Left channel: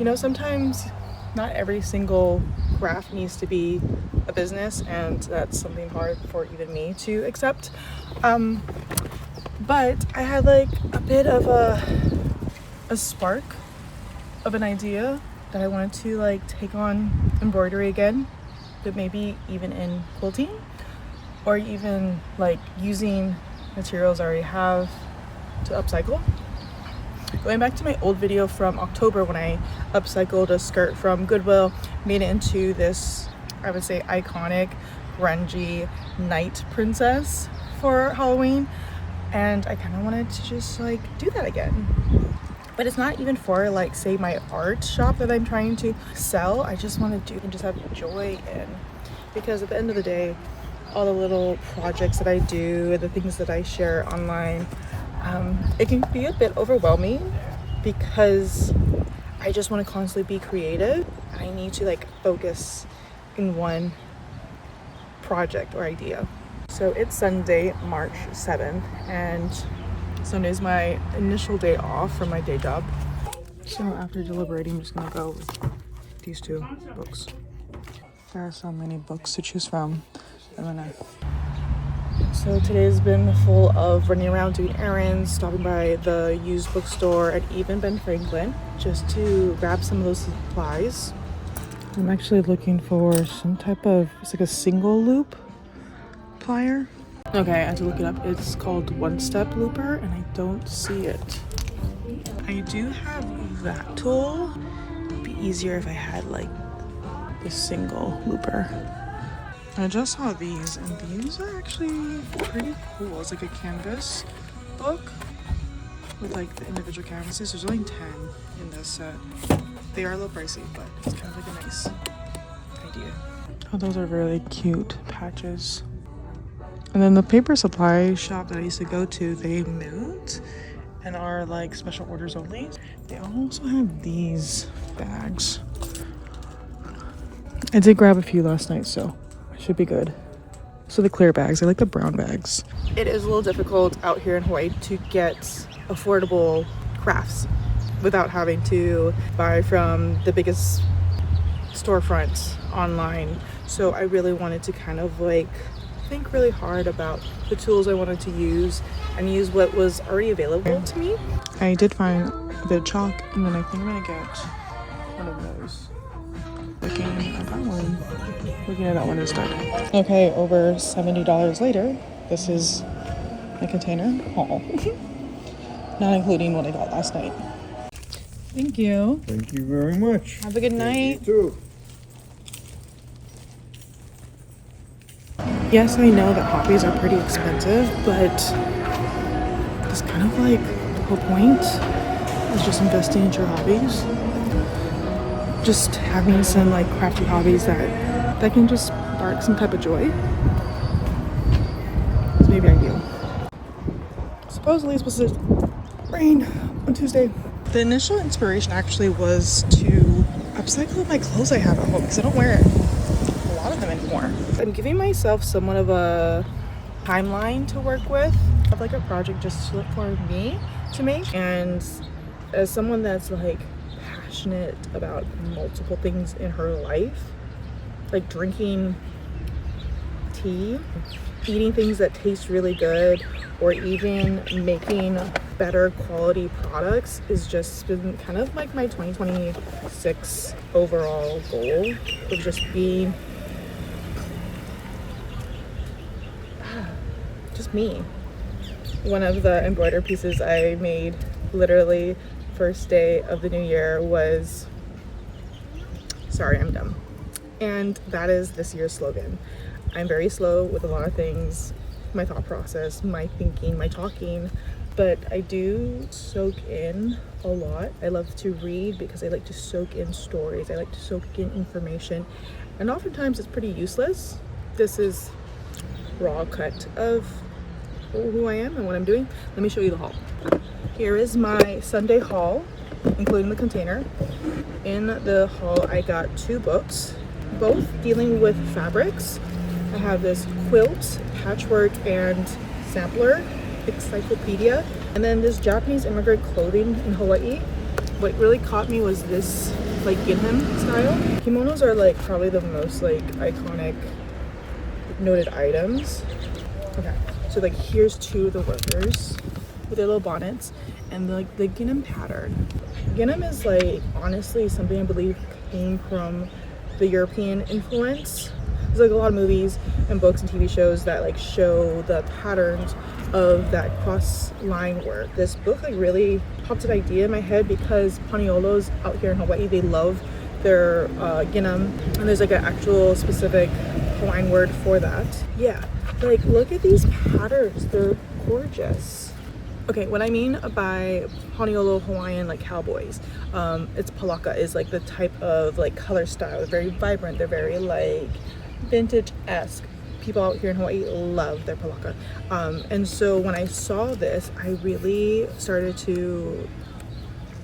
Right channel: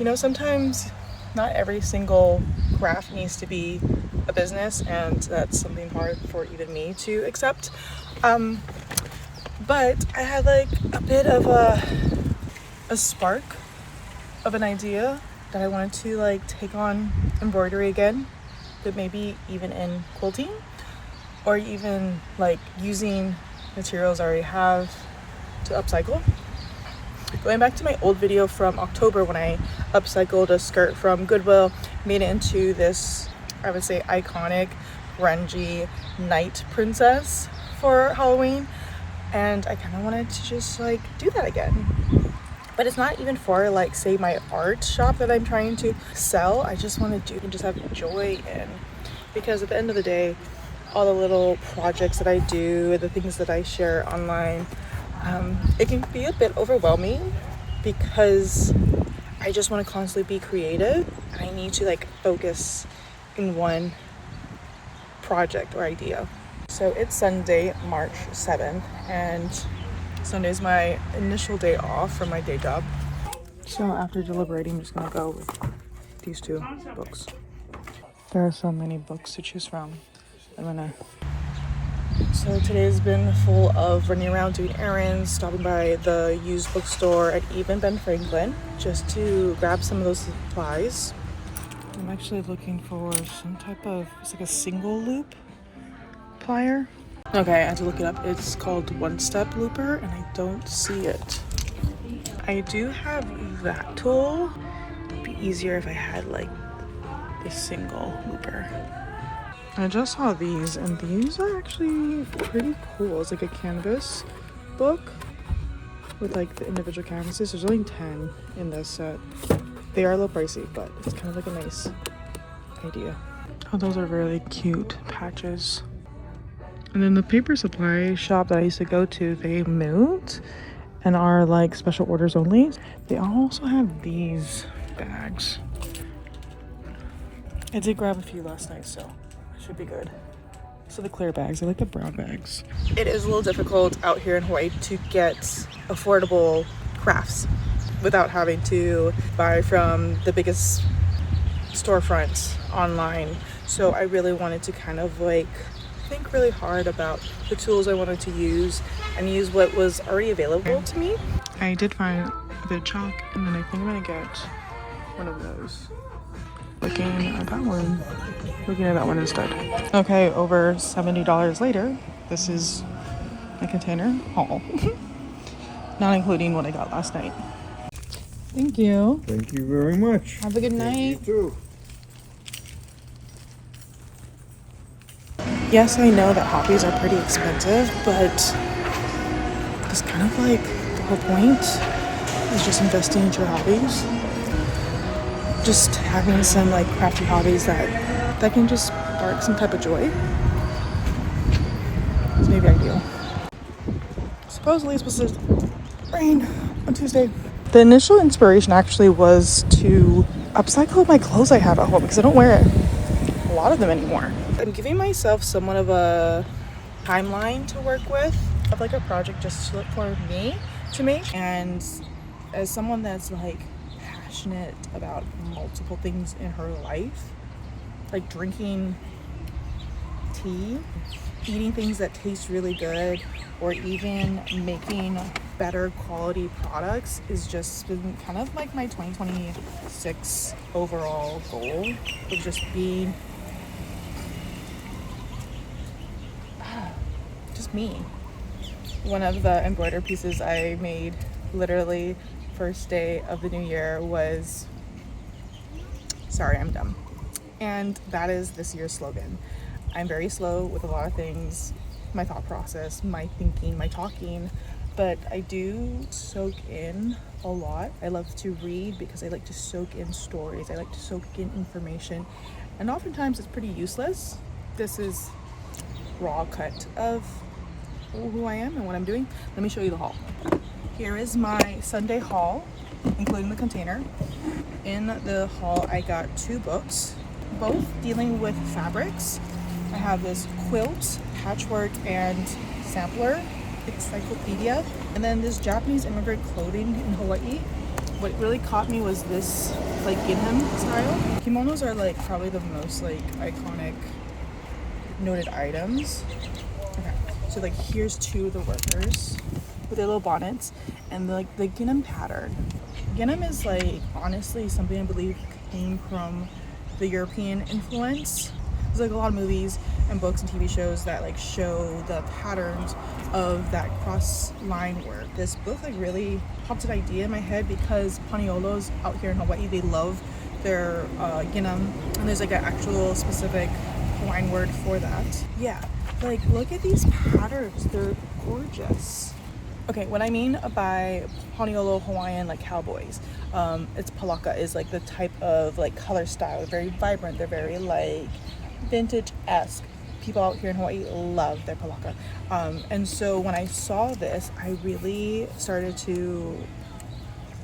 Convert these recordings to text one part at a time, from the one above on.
you know, sometimes not every single craft needs to be a business, and that's something hard for even me to accept. But I had like a bit of a spark of an idea that I wanted to like take on embroidery again, but maybe even in quilting, or even like using materials I already have to upcycle. Going back to my old video from October when I upcycled a skirt from Goodwill, made it into this, I would say, iconic grungy night princess for Halloween, and I kind of wanted to just like do that again. But it's not even for like, say, my art shop that I'm trying to sell. I just want to do and just have joy in, because at the end of the day, all the little projects that I do, the things that I share online, it can be a bit overwhelming because I just want to constantly be creative. I need to like focus in one project or idea. So it's Sunday, March 7th, and Sunday's my initial day off from my day job. So after deliberating, I'm just gonna go with these two books. There are so many books to choose from. So today's been full of running around doing errands, stopping by the used bookstore and even Ben Franklin just to grab some of those supplies. I'm actually looking for some type of, it's like a single loop plier. Okay, I had to look it up. It's called One Step Looper and I don't see it. I do have that tool. It'd be easier if I had like this single looper. I just saw these, and these are actually pretty cool. It's like a canvas book with like the individual canvases. There's only 10 in this set. They are low pricey, but it's kind of like a nice idea. Oh, those are really cute patches. And then the paper supply shop that I used to go to, they moved and are like special orders only. They also have these bags. I did grab a few last night, so should be good. So the clear bags, I like the brown bags. It is a little difficult out here in Hawaii to get affordable crafts without having to buy from the biggest storefronts online. So I really wanted to kind of like think really hard about the tools I wanted to use and use what was already available to me. I did find a bit of chalk, and then I think I'm gonna get one of those. Looking at that one instead. Okay, over $70 later, this is my container haul. Not including what I got last night. Thank you. Thank you very much. Have a good night. You too. Yes, I know that hobbies are pretty expensive, but it's kind of like the whole point is just investing into your hobbies. Just having some like crafty hobbies that can just spark some type of joy. It's maybe ideal. Supposedly it's supposed to rain on Tuesday. The initial inspiration actually was to upcycle my clothes I have at home because I don't wear a lot of them anymore. I'm giving myself somewhat of a timeline to work with of like a project just for me to make. And as someone that's like passionate about multiple things in her life, like drinking tea, eating things that taste really good, or even making better quality products is just been kind of like my 2026 overall goal of just being just me. One of the embroidered pieces I made literally first day of the new year was "Sorry, I'm dumb," and that is this year's slogan. I'm very slow with a lot of things, my thought process, my thinking, my talking, but I do soak in a lot. I love to read because I like to soak in stories. I like to soak in information, and oftentimes it's pretty useless. This is raw cut of who I am and what I'm doing. Let me show you the haul. Here is my Sunday haul, including the container. In the haul, I got 2 books, both dealing with fabrics. I have this quilt, patchwork, and sampler encyclopedia, and then this Japanese immigrant clothing in Hawaii. What really caught me was this like ginham style. Kimonos are like probably the most like iconic noted items. Okay, so like here's two of the workers with their little bonnets and like the ginham pattern. Ginham is like honestly something I believe came from the European influence. There's like a lot of movies and books and TV shows that like show the patterns of that cross line work. This book like really popped an idea in my head because Paniolos out here in Hawaii, they love their ginham, and there's like an actual specific Hawaiian word for that. Yeah, like look at these patterns, they're gorgeous. Okay, what I mean by Paniolo Hawaiian like cowboys, it's palaka is like the type of like color style. They're very vibrant, they're very like vintage-esque. People out here in Hawaii love their palaka. And so when I saw this, I really started to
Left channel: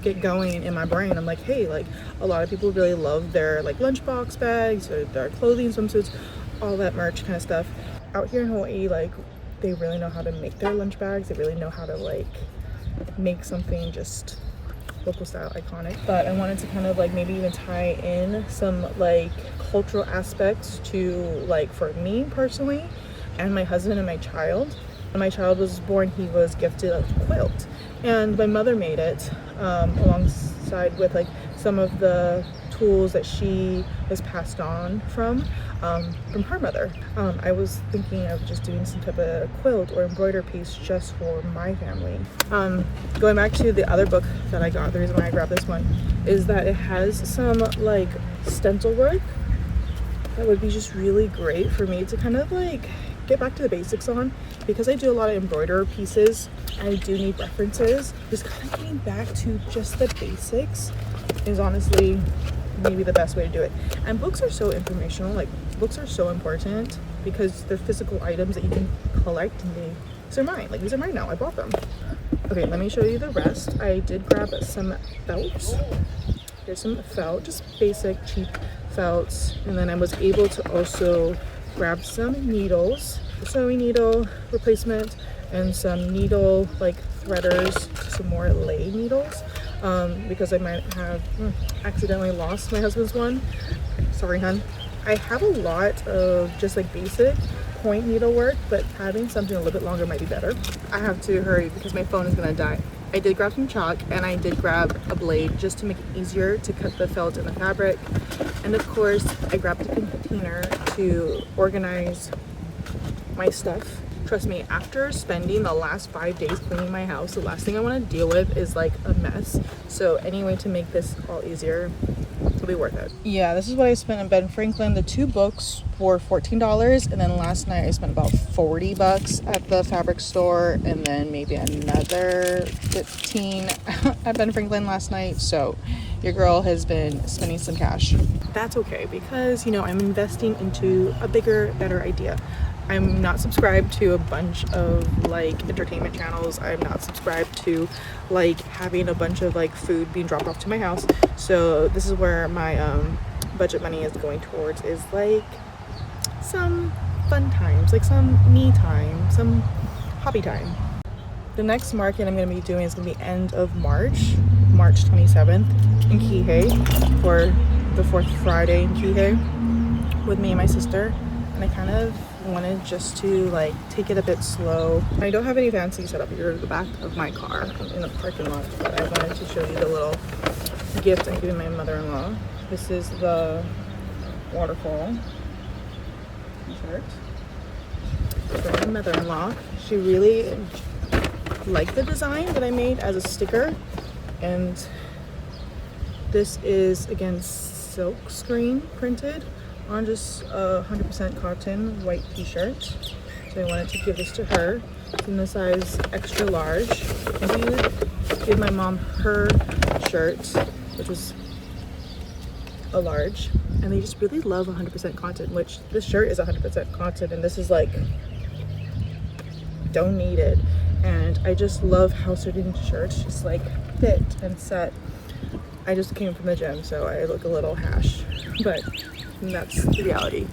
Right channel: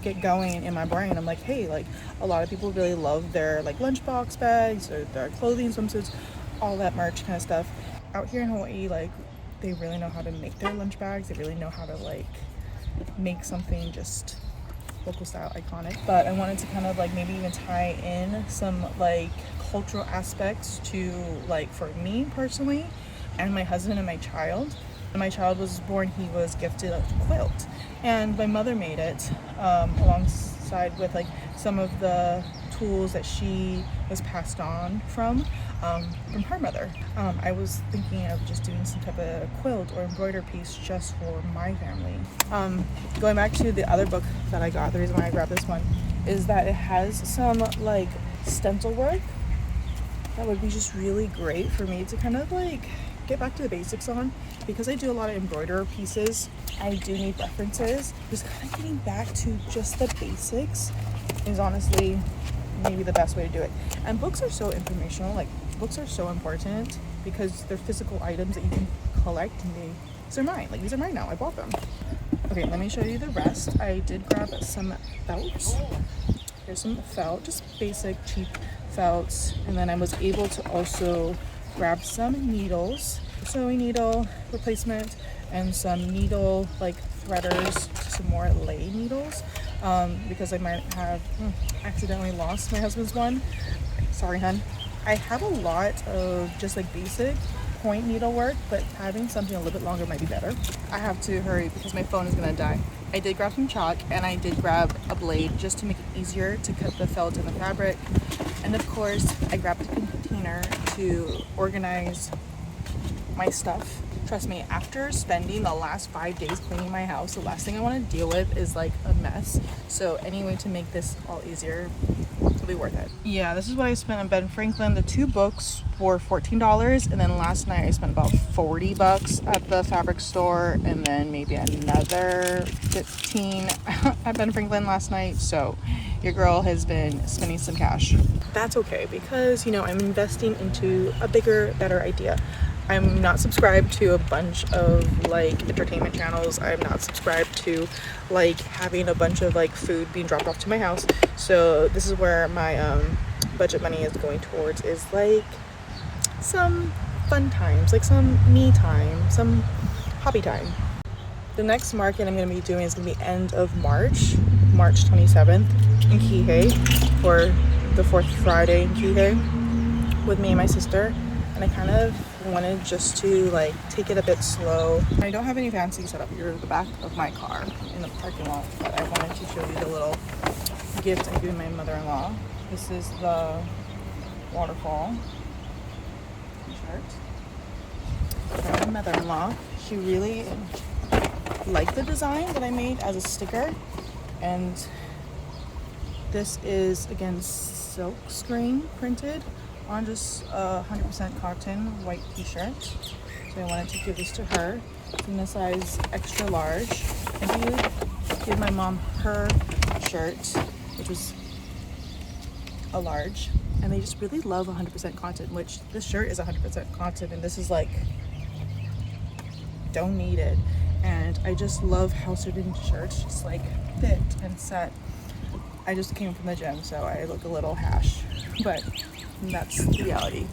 get going in my brain. I'm like, hey, like a lot of people really love their like lunchbox bags or their clothing, swimsuits, all that merch kind of stuff. Out here in Hawaii, like they really know how to make their lunch bags. They really know how to like make something just local style iconic. But I wanted to kind of like maybe even tie in some like cultural aspects to like for me personally and my husband and my child. When my child was born, he was gifted a quilt, and my mother made it alongside with like some of the tools that she was passed on from her mother. I was thinking of just doing some type of quilt or embroider piece just for my family. Going back to the other book that I got, the reason why I grabbed this one is that it has some like stencil work that would be just really great for me to kind of like get back to the basics on, because I do a lot of embroider pieces. I do need references. Just kind of getting back to just the basics is honestly maybe the best way to do it. And books are so informational, like books are so important because they're physical items that you can collect, and these are mine, like these are mine now, I bought them. Okay, let me show you the rest. I did grab some felts. Here's some felt, just basic cheap felts, and then I was able to also grab some needles, sewing needle replacement, and some needle like threaders, some more lay needles, because I might have accidentally lost my husband's one. Sorry, hun. I have a lot of just like basic point needlework, but having something a little bit longer might be better. I have to hurry because my phone is gonna die. I did grab some chalk, and I did grab a blade just to make it easier to cut the felt in the fabric. And of course, I grabbed a container to organize my stuff. Trust me, after spending the last 5 days cleaning my house, the last thing I want to deal with is like a mess. So any way to make this all easier will be worth it. Yeah, this is what I spent in Ben Franklin. The two books were $14, and then last night I spent about $40 at the fabric store, and then maybe another $15 at Ben Franklin last night. So your girl has been spending some cash. That's okay, because you know I'm investing into a bigger, better idea. I'm not subscribed to a bunch of like entertainment channels. I'm not subscribed to like having a bunch of like food being dropped off to my house. So this is where my budget money is going towards, is like some fun times, like some me time, some hobby time. The next market I'm going to be doing is going to be end of March 27th in Kihei, for the fourth Friday in Kihei with me and my sister. And I kind of wanted just to like take it a bit slow. I don't have any fancy setup. You're at the back of my car. I'm in the parking lot, but I wanted to show you the little gift I'm giving my mother-in-law. This is the waterfall t-shirt for my mother-in-law. She really liked the design that I made as a sticker, and this is again silk screen printed on just a 100% cotton white t-shirt. So I wanted to give this to her. It's in the size extra large. I did give my mom her shirt, which was a large, and they just really love 100% cotton, which this shirt is 100% cotton, and this is like donated. And I just love how certain shirts just like fit and set. I just came from the gym, so I look a little hash, but that's the reality.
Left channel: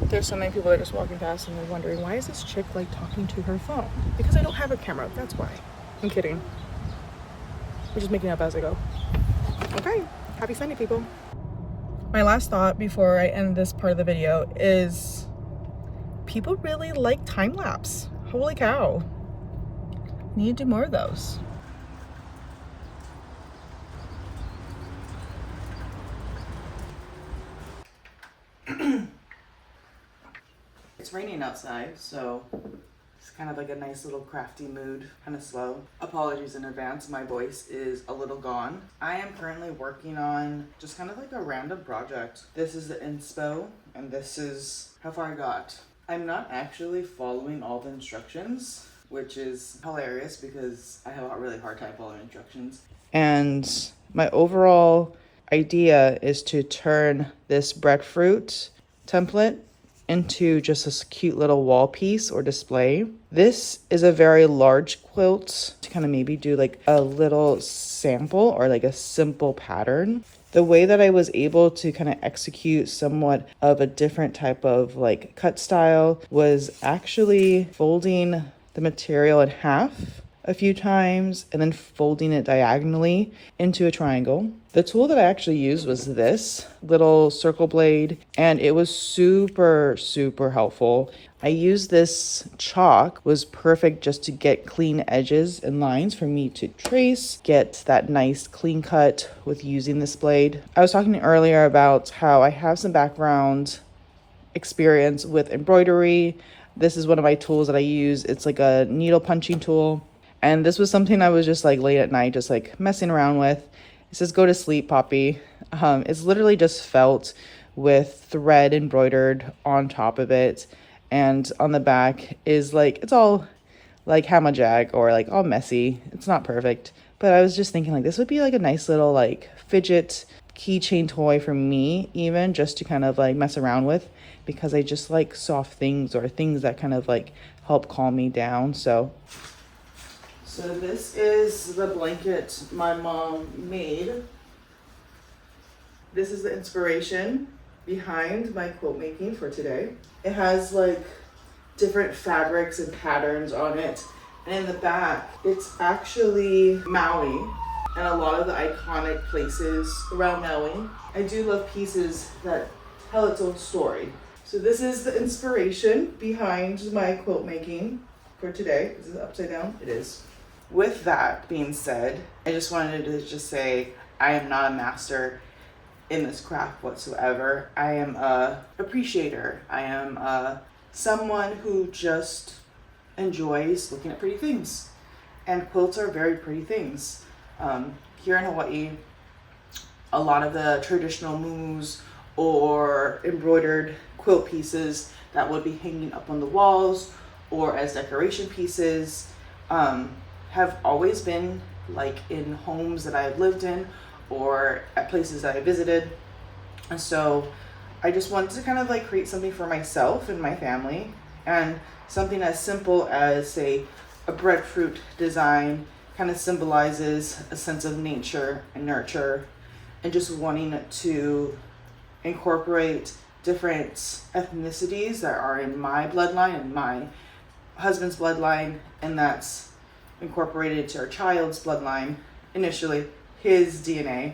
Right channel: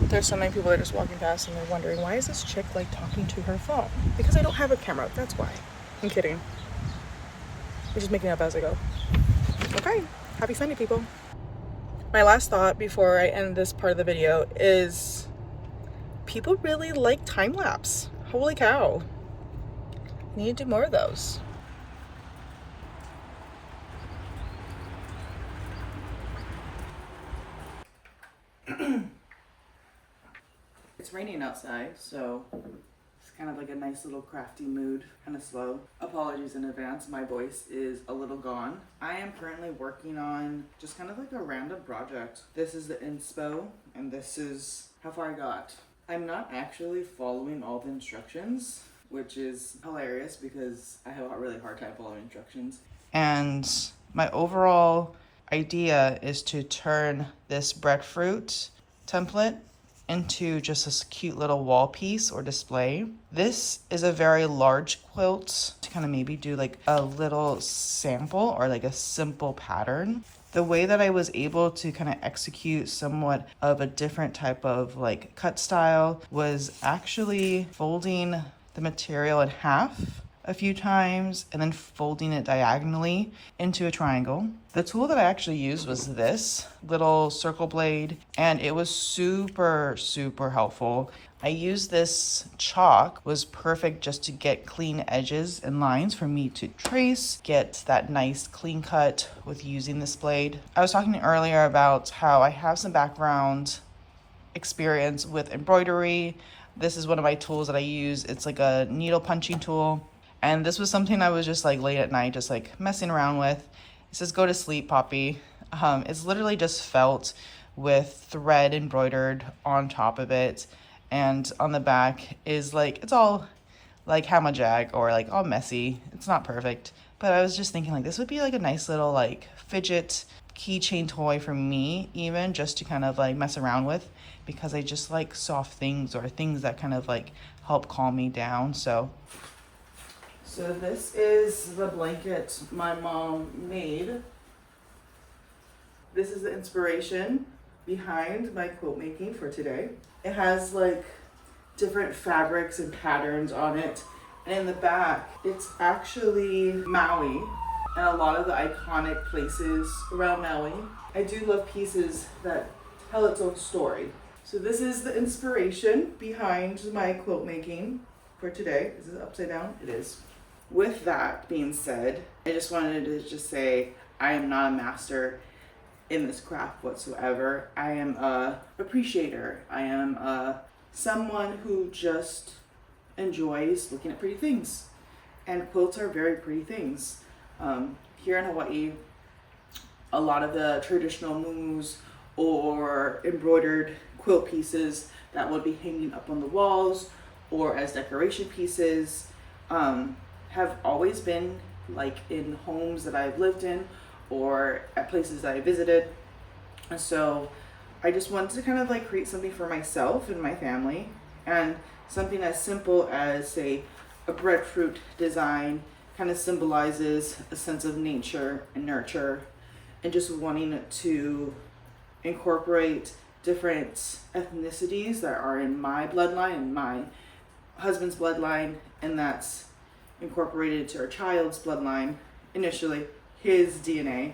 There's so many people that are just walking past and they're wondering, why is this chick like talking to her phone? Because I don't have a camera, that's why. I'm kidding. We're just making up as I go. Okay, Happy Sunday, people. My last thought before I end this part of the video is people really like time lapse. Holy cow. Need to do more of those. It's raining outside, so it's kind of like a nice little crafty mood, kind of slow. Apologies in advance, my voice is a little gone. I am currently working on just kind of like a random project. This is the inspo, and this is how far I got. I'm not actually following all the instructions, which is hilarious because I have a really hard time following instructions. And my overall idea is to turn this breadfruit template into just a cute little wall piece or display. This is a very large quilt to kind of maybe do like a little sample or like a simple pattern. The way that I was able to kind of execute somewhat of a different type of like cut style was actually folding the material in half a few times and then folding it diagonally into a triangle. The tool that I actually used was this little circle blade, and it was super helpful. I used this chalk, was perfect just to get clean edges and lines for me to trace, get that nice clean cut with using this blade. I was talking earlier about how I have some background experience with embroidery. This is one of my tools that I use. It's like a needle punching tool. And this was something I was just like late at night, just like messing around with. It says, go to sleep, Poppy. It's literally just felt with thread embroidered on top of it. And on the back is like, it's all like hamajag or like all messy. It's not perfect. But I was just thinking like this would be like a nice little like fidget keychain toy for me, even just to kind of like mess around with, because I just like soft things or things that kind of like help calm me down. So this is the blanket my mom made. This is the inspiration behind my quilt making for today. It has like different fabrics and patterns on it. And in the back, it's actually Maui and a lot of the iconic places around Maui. I do love pieces that tell its own story. So this is the inspiration behind my quilt making for today. Is it upside down? It is. With that being said, I just wanted to just say I am not a master in this craft whatsoever. I am a appreciator. I am someone who just enjoys looking at pretty things. And quilts are very pretty things. Here in Hawaii, a lot of the traditional muumuus or embroidered quilt pieces that would be hanging up on the walls or as decoration pieces have always been like in homes that I've lived in or at places that I visited. And so I just wanted to kind of like create something for myself and my family, and something as simple as say a breadfruit design kind of symbolizes a sense of nature and nurture, and just wanting to incorporate different ethnicities that are in my bloodline and my husband's bloodline, and that's incorporated to our child's bloodline, initially his DNA.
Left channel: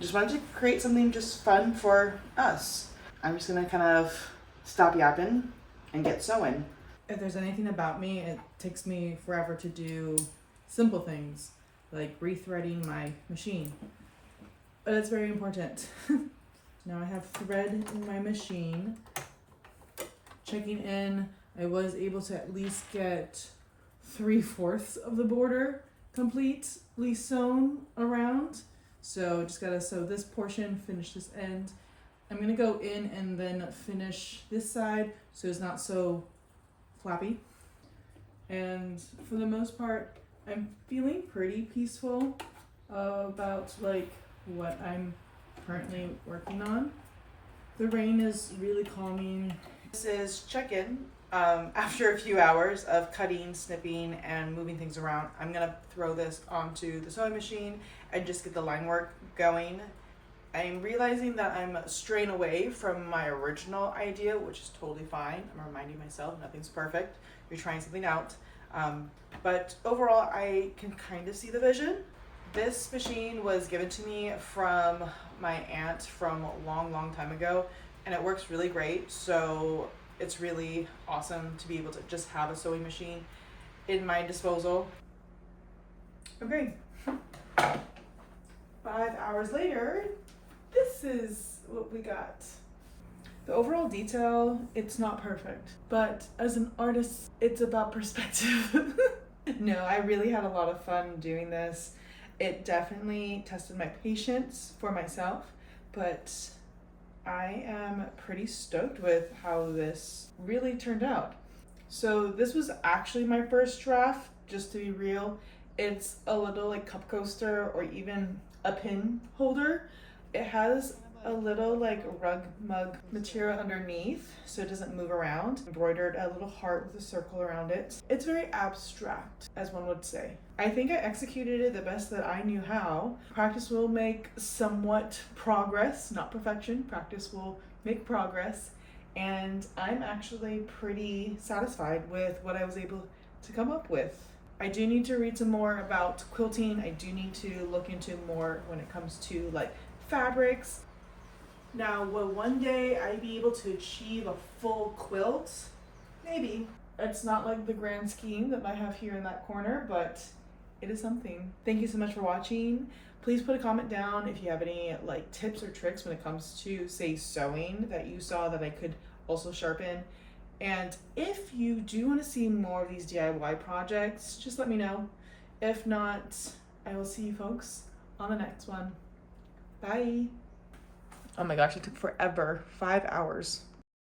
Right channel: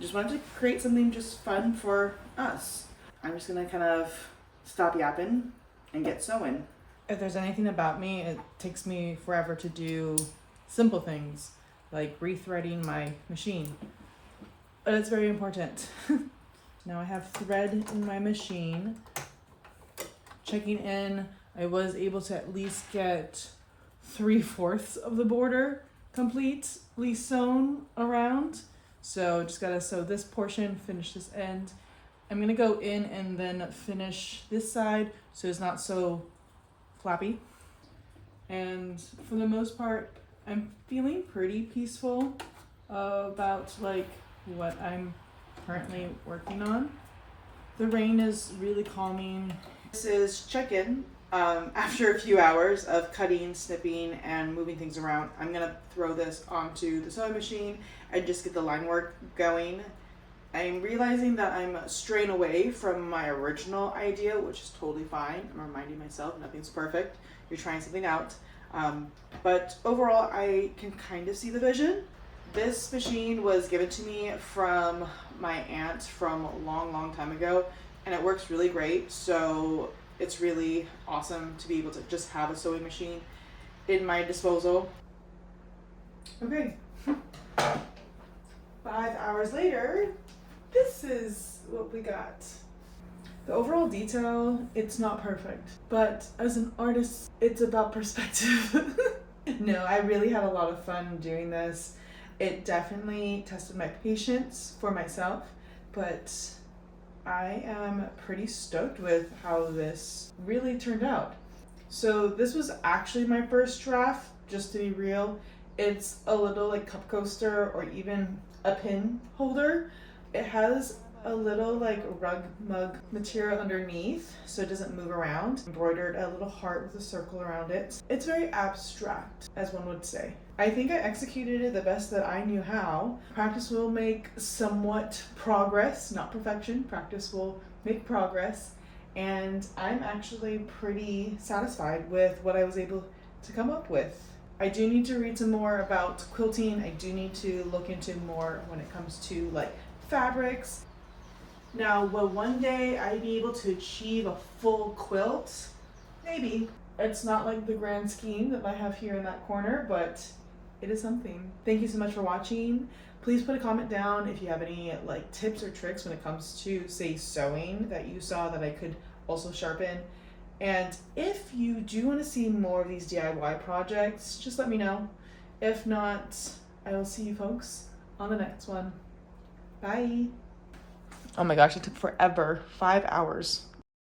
Just wanted to create something just fun for us. I'm just gonna kind of stop yapping and get sewing. If there's anything about me, it takes me forever to do simple things like rethreading my machine, but it's very important. Now I have thread in my machine. Checking in, I was able to at least get 3/4 of the border completely sewn around. So just gotta sew this portion, finish this end. I'm gonna go in and then finish this side so it's not so flappy. And for the most part, I'm feeling pretty peaceful about like what I'm currently working on. The rain is really calming. This is check-in. After a few hours of cutting, snipping, and moving things around, I'm gonna throw this onto the sewing machine and just get the line work going. I'm realizing that I'm straying away from my original idea, which is totally fine. I'm reminding myself nothing's perfect. You're trying something out. But overall, I can kind of see the vision. This machine was given to me from my aunt from a long time ago, and it works really great. So it's really awesome to be able to just have a sewing machine in my disposal. Okay, 5 hours later, this is what we got. The overall detail, it's not perfect, but as an artist, it's about perspective. No, I really had a lot of fun doing this. It definitely tested my patience for myself, but I am pretty stoked with how this really turned out. So this was actually my first draft, just to be real. It's a little like cup coaster or even a pin holder. It has a little like rug mug material underneath so it doesn't move around. Embroidered a little heart with a circle around it. It's very abstract, as one would say. I think I executed it the best that I knew how. Practice will make somewhat progress, not perfection. Practice will make progress, and I'm actually pretty satisfied with what I was able to come up with. I do need to read some more about quilting. I do need to look into more when it comes to like fabrics. Now, will one day I be able to achieve a full quilt? Maybe. It's not like the grand scheme that I have here in that corner, but it is something. Thank you so much for watching. Please put a comment down if you have any like tips or tricks when it comes to, say, sewing that you saw that I could also sharpen. And if you do want to see more of these DIY projects, just let me know. If not, I will see you folks on the next one. Bye. Oh my gosh, it took forever. 5 hours.